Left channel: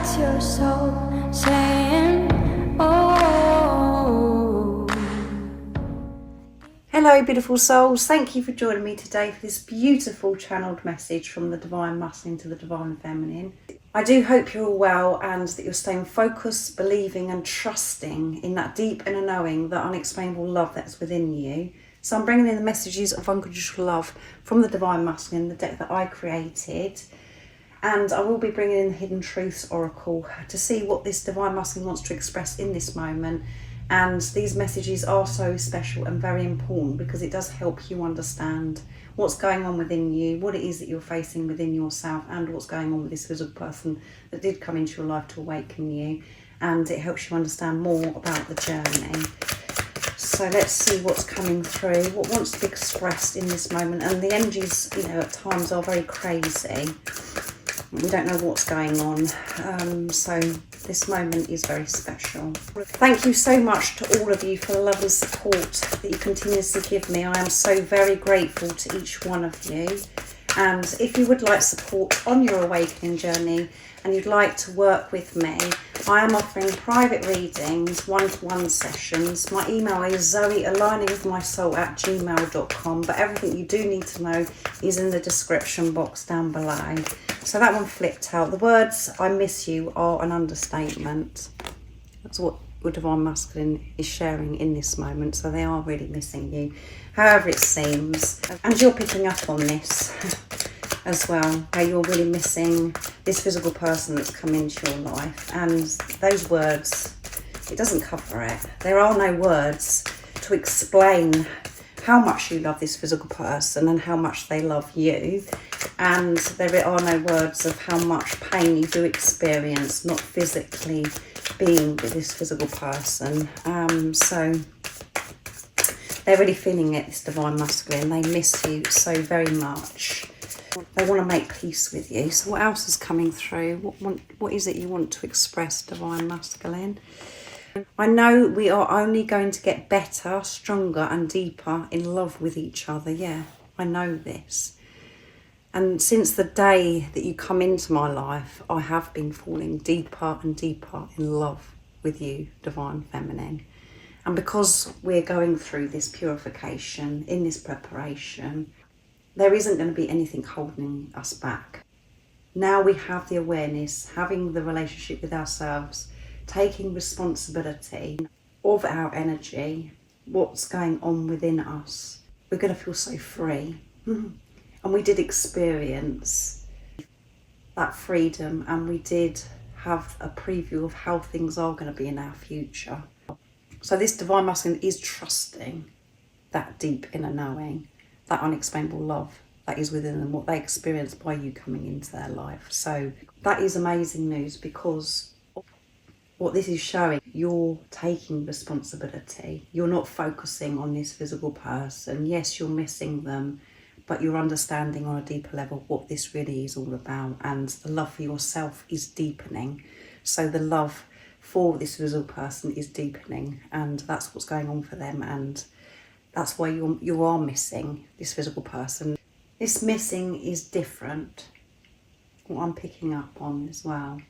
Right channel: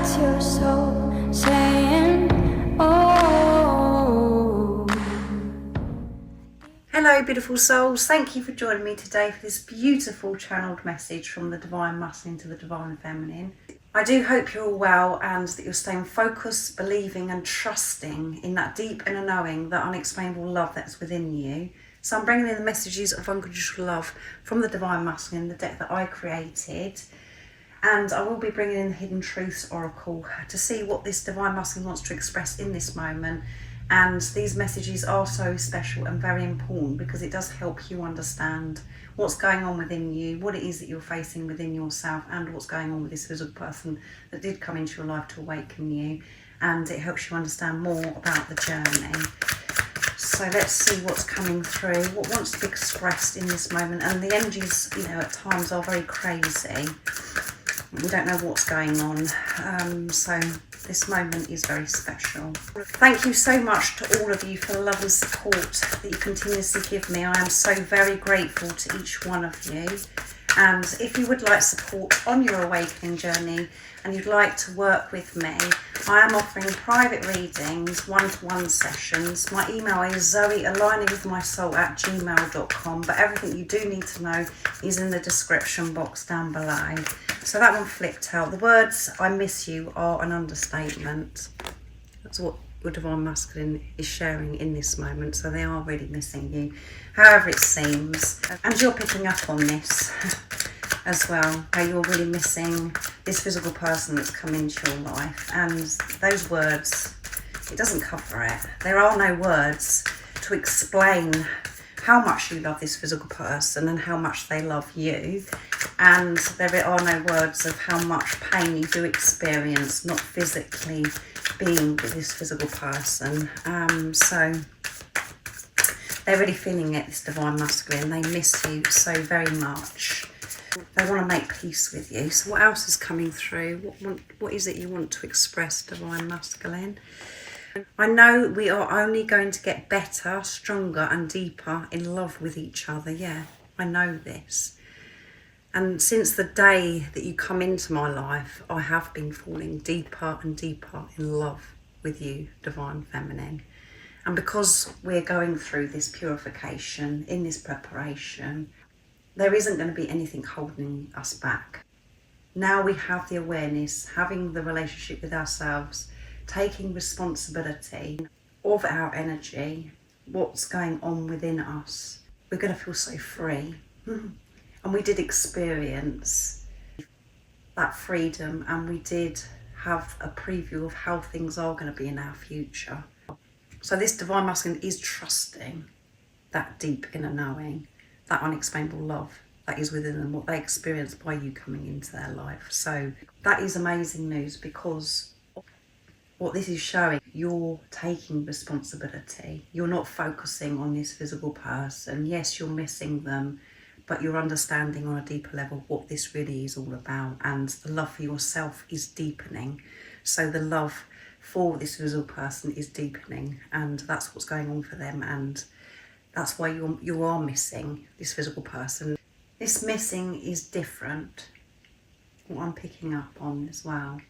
That's your soul saying, oh. Hello beautiful souls, thank you for joining me today for this beautiful channeled message from the Divine Masculine to the Divine Feminine. I do hope you're all well and that you're staying focused, believing and trusting in that deep inner knowing, that unexplainable love that's within you. So I'm bringing in the messages of unconditional love from the Divine Masculine, the deck that I created. And I will be bringing in the Hidden Truths Oracle to see what this Divine Masculine wants to express in this moment. And these messages are so special and very important because it does help you understand what's going on within you, what it is that you're facing within yourself, and what's going on with this physical person that did come into your life to awaken you. And it helps you understand more about the journey. So let's see what's coming through, what wants to be expressed in this moment. And the energies, you know, at times are very crazy. We don't know what's going on. So this moment is very special. Thank you so much to all of you for the love and support that you continuously give me. I am so very grateful to each one of you. And if you would like support on your awakening journey and you'd like to work with me, I am offering private readings, one-to-one sessions. My email is zoealigningwithmysoul@gmail.com, but everything you do need to know is in the description box down below. So that one flipped out. The words "I miss you" are an understatement. That's what your Divine Masculine is sharing in this moment. So they are really missing you, however it seems. And you're picking up on this as well, how you're really missing this physical person that's come into your life. And those words, it doesn't cover it. There are no words to explain how much you love this physical person and how much they love you. And there are no words of how much pain you do experience not physically being with this physical person. So they're really feeling it, this Divine Masculine. They miss you so very much. They want to make peace with you. So what else is coming through? What is it you want to express, Divine Masculine? I know we are only going to get better, stronger and deeper in love with each other. Yeah, I know this. And since the day that you come into my life, I have been falling deeper and deeper in love with you, Divine Feminine. And because we're going through this purification, in this preparation, there isn't going to be anything holding us back. Now we have the awareness, having the relationship with ourselves, taking responsibility of our energy, what's going on within us. We're going to feel so free. And we did experience that freedom, and we did have a preview of how things are going to be in our future. So this Divine Masculine is trusting that deep inner knowing, that unexplainable love that is within them, what they experience by you coming into their life. So that is amazing news, because what this is showing, you're taking responsibility. You're not focusing on this physical person. Yes, you're missing them, but you're understanding on a deeper level what this really is all about. And the love for yourself is deepening. So the love for this physical person is deepening, and that's what's going on for them. And that's why you are missing this physical person. This missing is different, what I'm picking up on as well,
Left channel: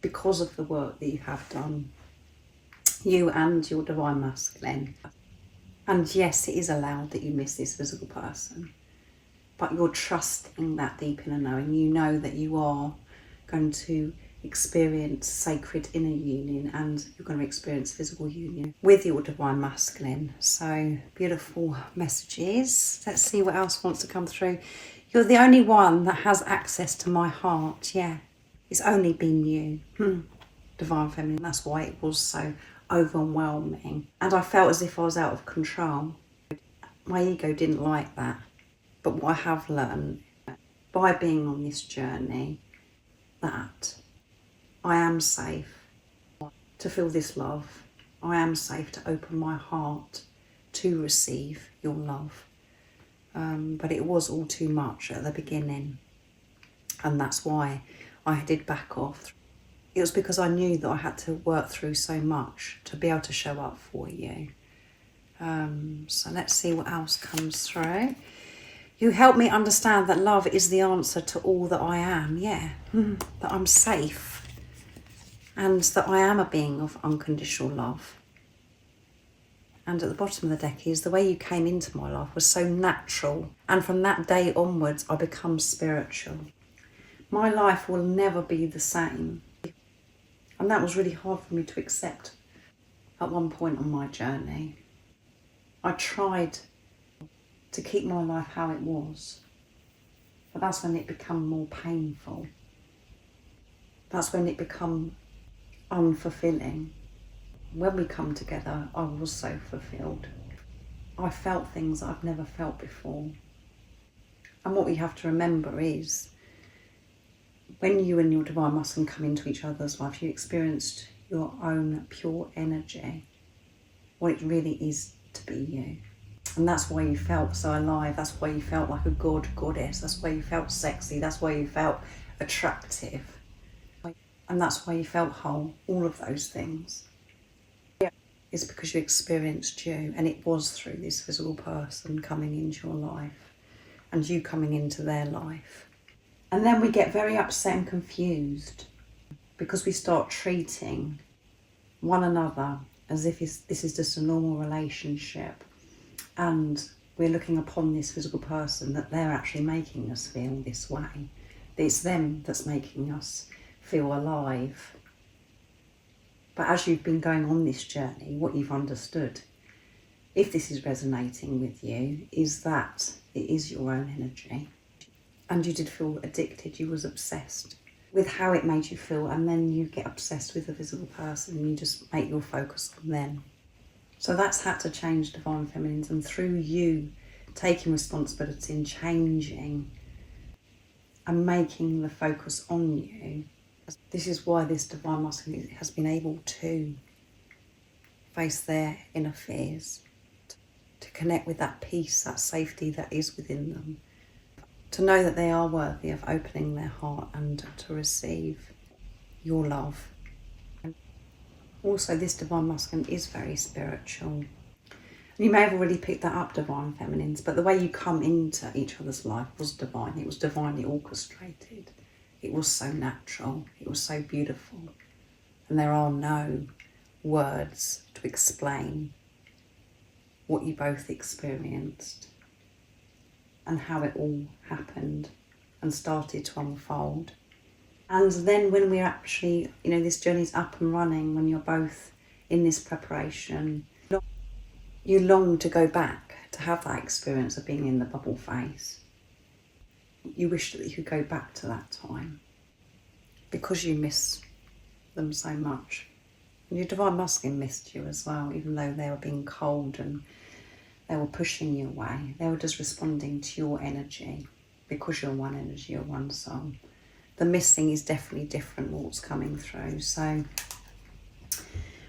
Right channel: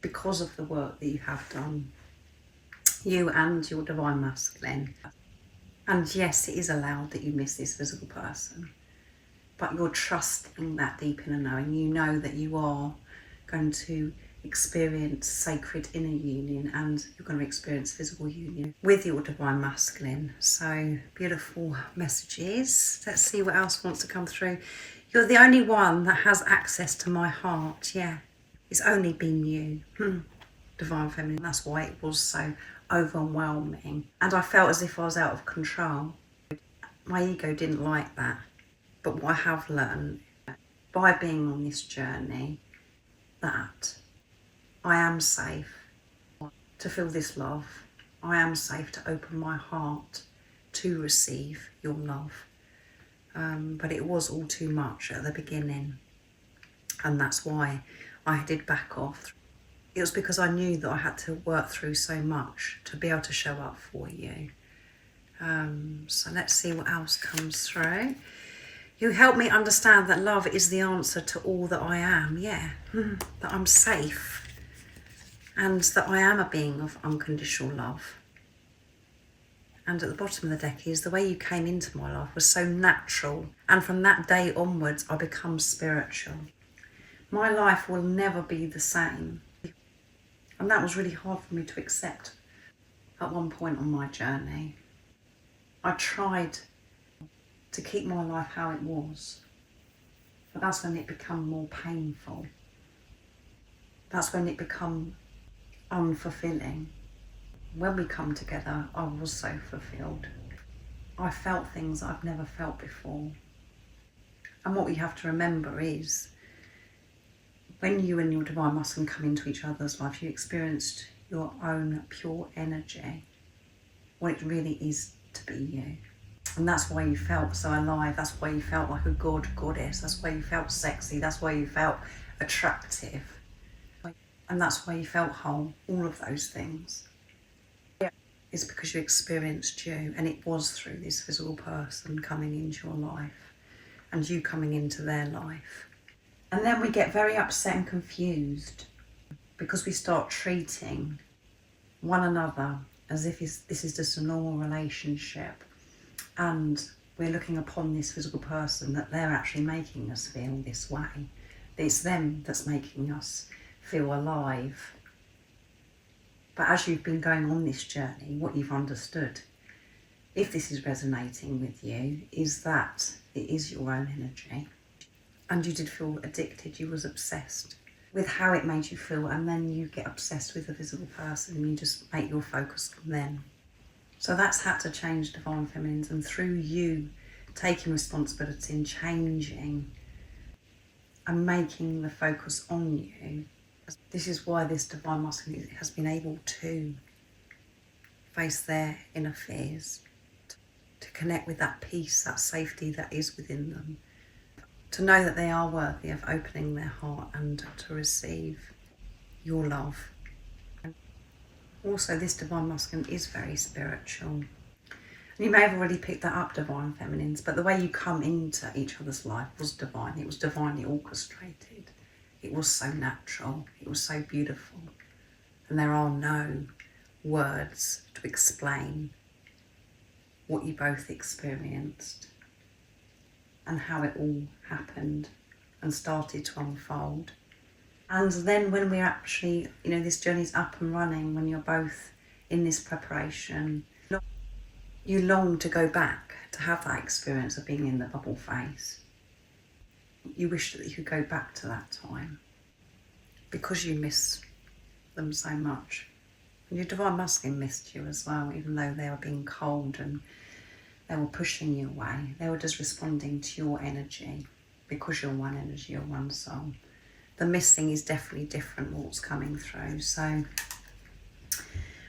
because of the work that you have done, you and your Divine Masculine. And yes, it is allowed that you miss this physical person, but you're trusting that deep inner knowing. You know that you are going to experience sacred inner union, and you're going to experience physical union with your Divine Masculine. So beautiful messages. Let's see what else wants to come through. You're the only one that has access to my heart. Yeah, it's only been you, Divine Feminine. That's why it was so overwhelming, and I felt as if I was out of control. My ego didn't like that. But what I have learned by being on this journey, that I am safe to feel this love. I am safe to open my heart to receive your love. But it was all too much at the beginning. And that's why I did back off. It was because I knew that I had to work through so much to be able to show up for you. So let's see what else comes through. You help me understand that love is the answer to all that I am. Yeah, that I'm safe. and that I am a being of unconditional love. And at the bottom of the deck is the way you came into my life was so natural, and from that day onwards I become spiritual. My life will never be the same. And that was really hard for me to accept at one point on my journey. I tried to keep my life how it was, but that's when it became more painful. That's when it became unfulfilling. When we come together, I was so fulfilled. I felt things I've never felt before. And what we have to remember is, when you and your divine masculine come into each other's life, you experienced your own pure energy, what it really is to be you. And that's why you felt so alive. That's why you felt like a goddess. That's why you felt sexy. That's why you felt attractive. And that's why you felt whole. All of those things. It's because you experienced you, and it was through this physical person coming into your life and you coming into their life. And then we get very upset and confused because we start treating one another as if this is just a normal relationship, and we're looking upon this physical person that they're actually making us feel this way. It's them that's making us feel alive. But as you've been going on this journey, what you've understood, if this is resonating with you, is that it is your own energy. And you did feel addicted, you was obsessed with how it made you feel, and then you get obsessed with the visible person and you just make your focus on them. So that's had to change, Divine Feminines, and through you taking responsibility and changing and making the focus on you, this is why this Divine Masculine has been able to face their inner fears, to connect with that peace, that safety that is within them, to know that they are worthy of opening their heart and to receive your love. Also, this Divine Masculine is very spiritual. You may have already picked that up, Divine Feminines, but the way you come into each other's life was divine. It was divinely orchestrated. It was so natural. It was so beautiful. And there are no words to explain what you both experienced and how it all happened and started to unfold. And then when we're actually, this journey's up and running, when you're both in this preparation, you long to go back to have that experience of being in the bubble phase. You wish that you could go back to that time because you miss them so much. And your Divine Masculine missed you as well, even though they were being cold and they were pushing you away. They were just responding to your energy because you're one energy, you're one soul. The missing is definitely different what's coming through. So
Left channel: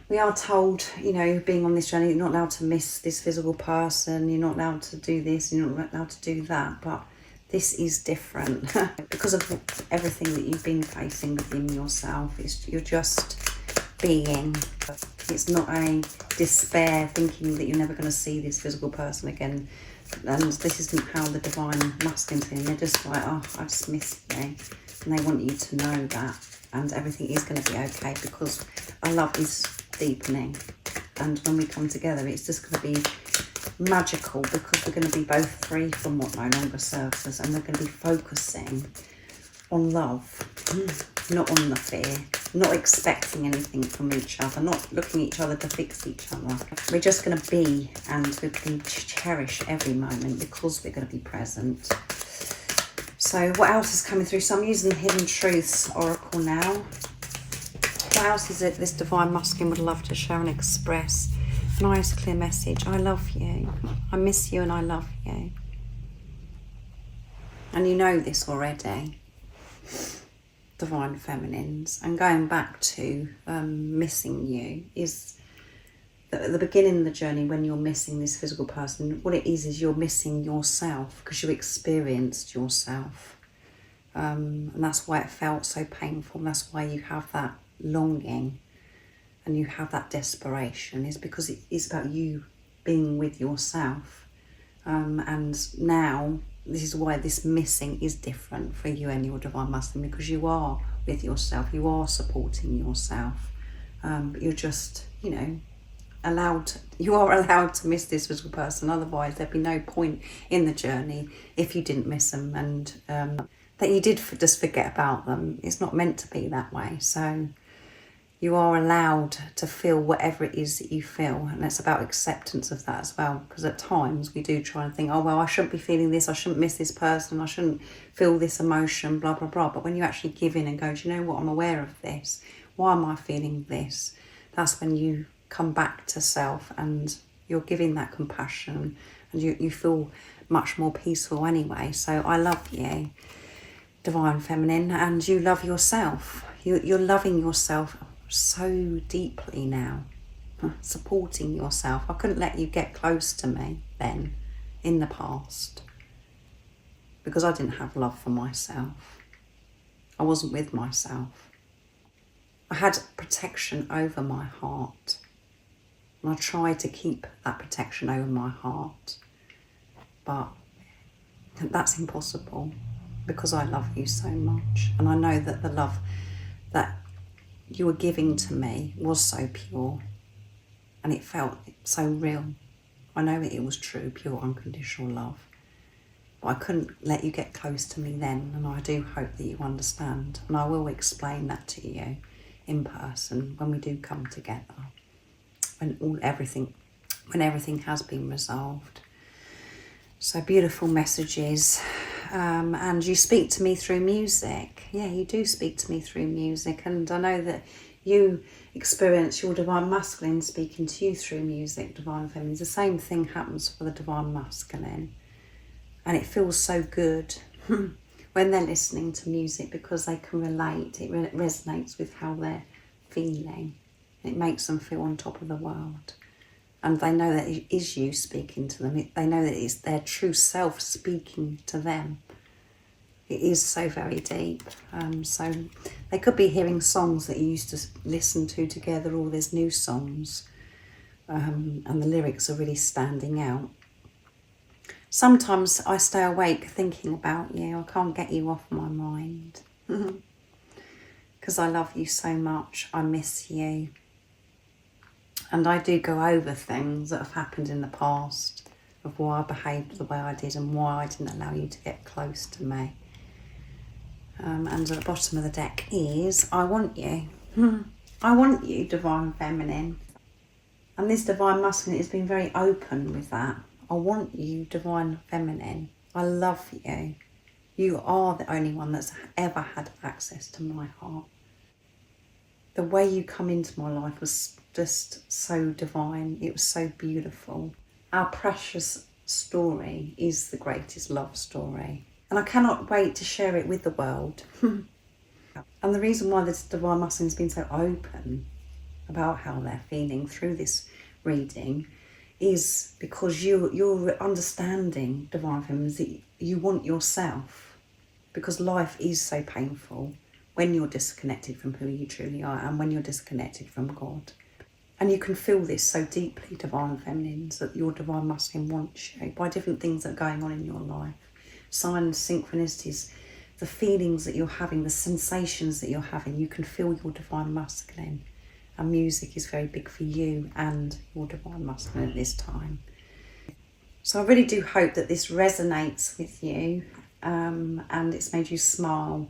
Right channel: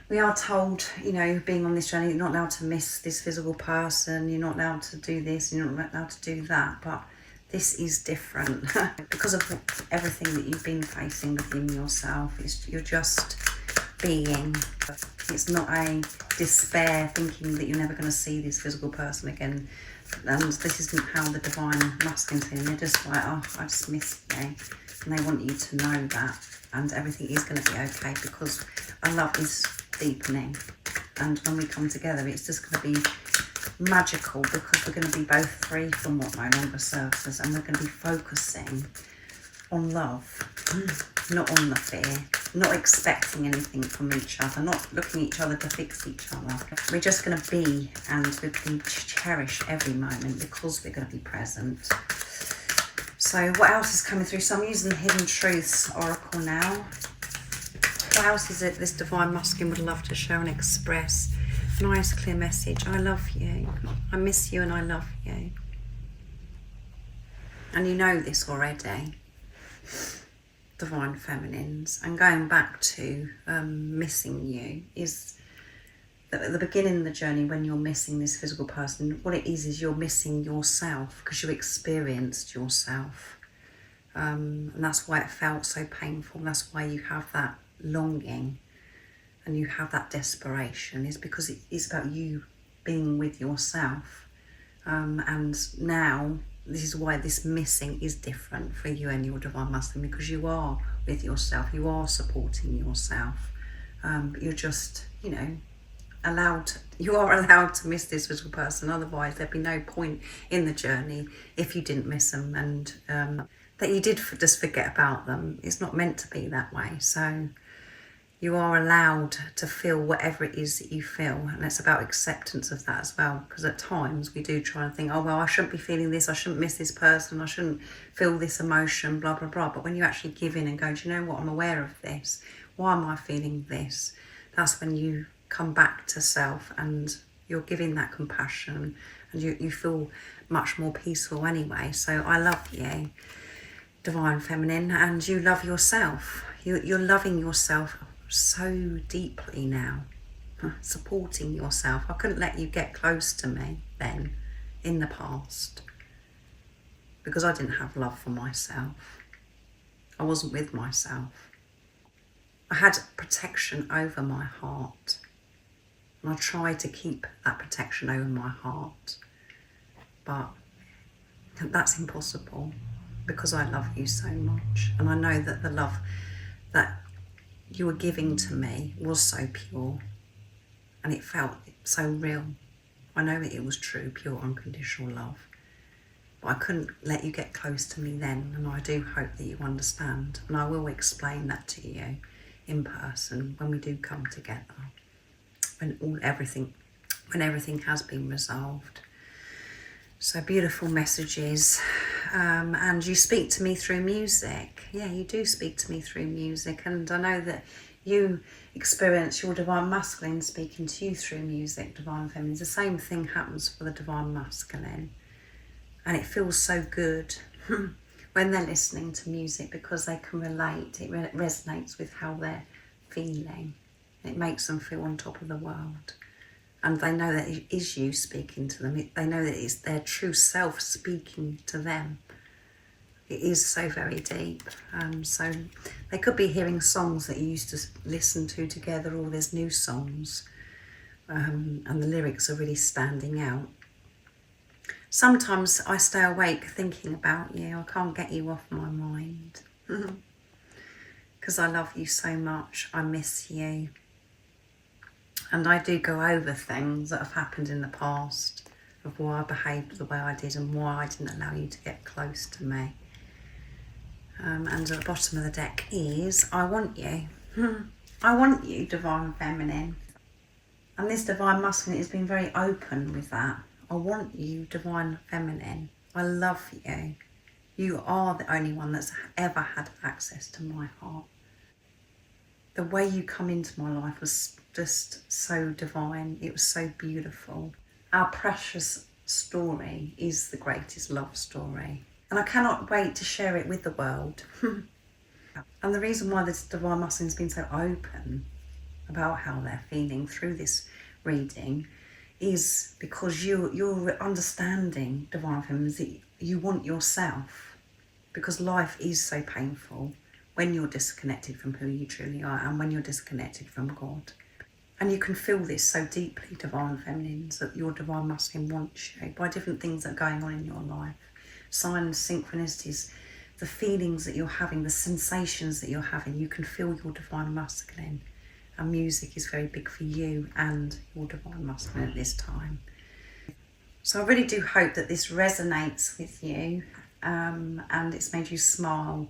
we are told, being on this journey, you're not allowed to miss this physical person, you're not allowed to do this, you're not allowed to do that, but this is different because of everything that you've been facing within yourself. You're just being. It's not a despair thinking that you're never going to see this physical person again. And this isn't how the Divine Masculine feeling. They're just like, oh, I just miss you. And they want you to know that. And everything is going to be okay because our love is deepening. And when we come together, it's just going to be magical because we're going to be both free from what no longer serves us, and we're going to be focusing on love, not on the fear, not expecting anything from each other, not looking at each other to fix each other. We're just going to be, and we're going to cherish every moment because we're going to be present. So what else is coming through? So I'm using the Hidden Truths Oracle now. What else is it this Divine Masculine would love to share and express? Nice clear message. I love you. I miss you and I love you. And you know this already, Divine Feminines. And going back to missing you is that at the beginning of the journey, when you're missing this physical person, what it is you're missing yourself because you experienced yourself. And that's why it felt so painful. That's why you have that longing and you have that desperation, is because it is about you being with yourself. And now this is why this missing is different for you and your Divine Masculine, because you are with yourself. You are supporting yourself. You're just, you know, you are allowed to miss this as a person. Otherwise there'd be no point in the journey if you didn't miss them, and that you did just forget about them. It's not meant to be that way. So you are allowed to feel whatever it is that you feel, and it's about acceptance of that as well, because at times we do try and think, oh well, I shouldn't be feeling this, I shouldn't miss this person, I shouldn't feel this emotion, blah blah blah. But when you actually give in and go, do you know what, I'm aware of this, why am I feeling this, that's when you come back to self, and you're giving that compassion, and you feel much more peaceful anyway. So I love you, Divine Feminine, and you love yourself. You're loving yourself so deeply now, supporting yourself. I couldn't let you get close to me then in the past, because I didn't have love for myself. I wasn't with myself. I had protection over my heart, and I tried to keep that protection over my heart, but that's impossible, because I love you so much, and I know that the love that you were giving to me was so pure, and it felt so real. I know that it was true, pure, unconditional love, but I couldn't let you get close to me then, and I do hope that you understand, and I will explain that to you in person when we do come together, when everything has been resolved. So beautiful messages. And you speak to me through music. Yeah, you do speak to me through music, and I know that you experience your Divine Masculine speaking to you through music, Divine Feminine. The same thing happens for the Divine Masculine, and it feels so good when they're listening to music, because they can relate. It resonates with how they're feeling. It makes them feel on top of the world. And they know that it is you speaking to them. They know that it's their true self speaking to them. It is so very deep. So they could be hearing songs that you used to listen to together, or there's new songs. And the lyrics are really standing out. Sometimes I stay awake thinking about you. I can't get you off my mind. Because I love you so much. I miss you. And I do go over things that have happened in the past, of why I behaved the way I did and why I didn't allow you to get close to me. And at the bottom of the deck is, I want you. I want you, Divine Feminine. And this Divine Masculine has been very open with that. I want you, Divine Feminine. I love you. You are the only one that's ever had access to my heart. The way you come into my life was just so divine. It was so beautiful. Our precious story is the greatest love story, and I cannot wait to share it with the world. And the reason why this Divine Masculine has been so open about how they're feeling through this reading is because you're understanding, Divine Feminine, that you want yourself, because life is so painful when you're disconnected from who you truly are, and when you're disconnected from God. And you can feel this so deeply, Divine Feminines, that your Divine Masculine wants you by different things that are going on in your life. Signs, synchronicities, the feelings that you're having, the sensations that you're having. You can feel your Divine Masculine. And music is very big for you and your Divine Masculine at this time. So I really do hope that this resonates with you, and it's made you smile.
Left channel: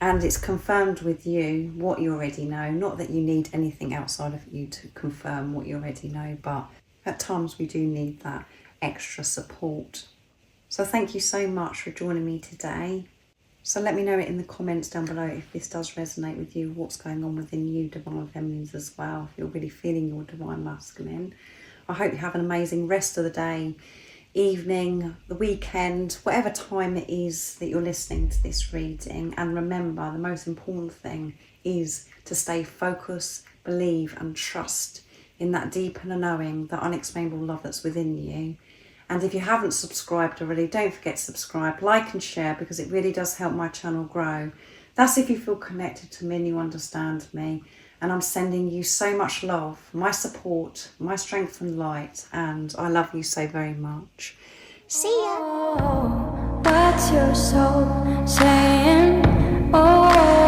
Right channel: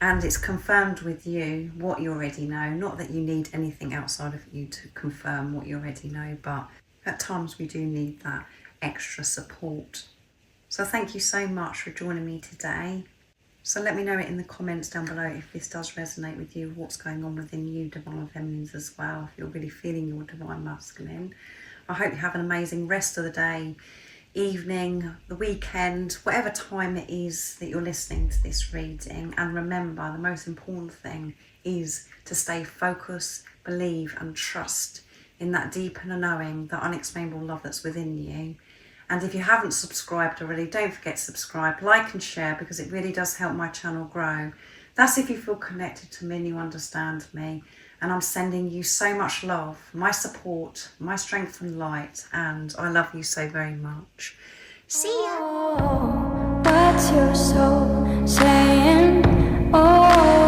And it's confirmed with you what you already know. Not that you need anything outside of you to confirm what you already know, but at times we do need that extra support. So thank you so much for joining me today. So let me know it in the comments down below if this does resonate with you, what's going on within you, Divine Feminines, as well, if you're really feeling your Divine Masculine. I hope you have an amazing rest of the day, evening, the weekend, whatever time it is that you're listening to this reading. And remember, the most important thing is to stay focused, believe and trust in that deep inner knowing, that unexplainable love that's within you. And if you haven't subscribed already, don't forget to subscribe, like and share, because it really does help my channel grow. That's if you feel connected to me and you understand me. And I'm sending you so much love, my support, my strength and light, and I love you so very much. See ya! Oh, what's your soul saying? Oh.